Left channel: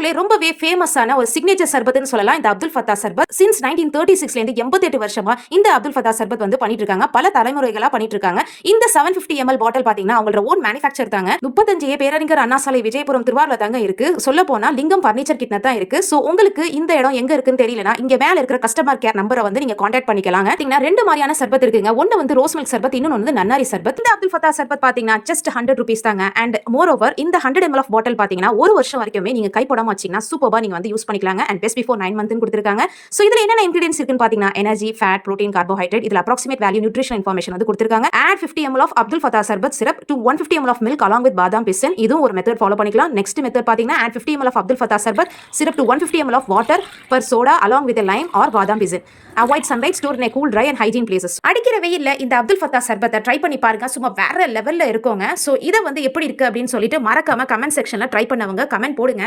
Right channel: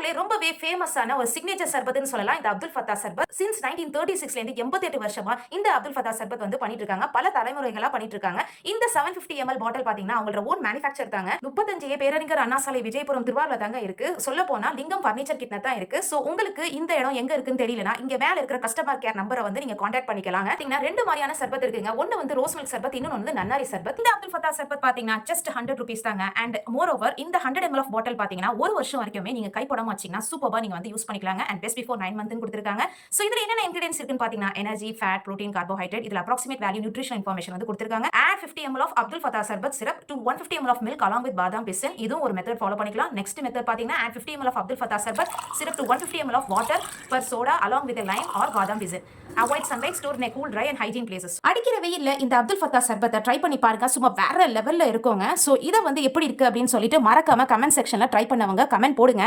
ஊர்லயே ரொம்பவே ஃபேமஸான ஒரு சிக்னேச்சர் சர்பத்னு சொல்லலாம் இந்த அப்துல் ஃபத்தா சர்பத். சின்ஸ் 1936ல இருந்து 88 வருஷமா இந்த அப்துல் ஃபத்தா சர்பத் வந்து பண்ணிட்டு இருக்காங்க. பல தலைமுறைகளா பண்ணிட்டு இருக்காங்க. இந்த 750 ml பாட்டில் பாத்தீங்கன்னா அவங்களோட ஓன் மேனுஃபேக்சர் தாங்க. 35 பேரறிஞர் அண்ணா சாலை விஜயபுரம் திருவாரூர்ல தாங்க இருக்கு. சொல்ல போனா லிங்கம் பர்னிச்சர் கிட்ட தான் இருக்கு. சோ உங்களுக்கு இந்த இடம் எங்க இருக்குன்னு தெரியலனா இங்க மேல இருக்கிற கஸ்டமர் கேர் நம்பரை வந்து நீங்க கான்டாக்ட் பண்ணிக்கலாங்க. பாத்தீங்கன்னா ரெண்டு மாதிரியான சர்பத் இருக்குங்க. ஒன்னு வந்து ரோஸ் மில்க் சர்பத், இன்னொன்னு வந்து நன்னாரி சர்பத். இந்த அப்துல் ஃபத்தா சர்பத் பாத்தீங்கன்னா ஜஸ்ட் 100 rupees தாங்க. அண்ட் மோர் ஓவர் இந்த 100 ml ஆஃப் பாட்டில் பாத்தீங்கன்னா ஒரு வருஷம் வரைக்குமே நீங்க கைப்படாம வச்சீங்கன்னா சூப்பர்பா நீங்க வந்து யூஸ் பண்ணிக்கலாங்க. அண்ட் பெஸ்ட் பிஃபோர் 9 months கொடுத்திருக்காங்க. சோ இதுல என்னென்ன இன்கிரிடியன்ஸ் இருக்குன்னு பாத்தீங்கன்னா எனர்ஜி, ஃபேட், புரோட்டீன், கார்போஹைட்ரேட், இதுல அப்ராக்சிமேட் வேல்யூ நியூட்ரிஷன் இன்ஃபர்மேஷன் வந்து கொடுத்திருக்காங்க. Add 50 ml of Abdul Fattah sharbat syrup to 150 ml of milk along with badam pisin. இதுவும் ஒரு மெத்தட் ஃபாலோ பண்ணிக்கலாம். நெக்ஸ்ட் மெத்தட் பாத்தீங்கன்னா add 50 ml of Abdul Fattah sharbat syrup to 150 ml of water per soda along with a lime or பாதாம் பிசின். Avoid sunlight, store in a cool, dry and hygiene places. அடிக்கிற வெயில்ல இந்த Abdul Fatah சர்பத்தை try பண்ணி பாருங்க. சும்மா வேற லெவல்ல இருக்குங்க. சோ இத வந்து எப்படி இருக்கு அப்படின்னு சொல்லிட்டு மறக்காம கமெண்ட் செக்ஷன்ல ட்ரை பண்ணவங்க கமெண்ட் போடுங்க.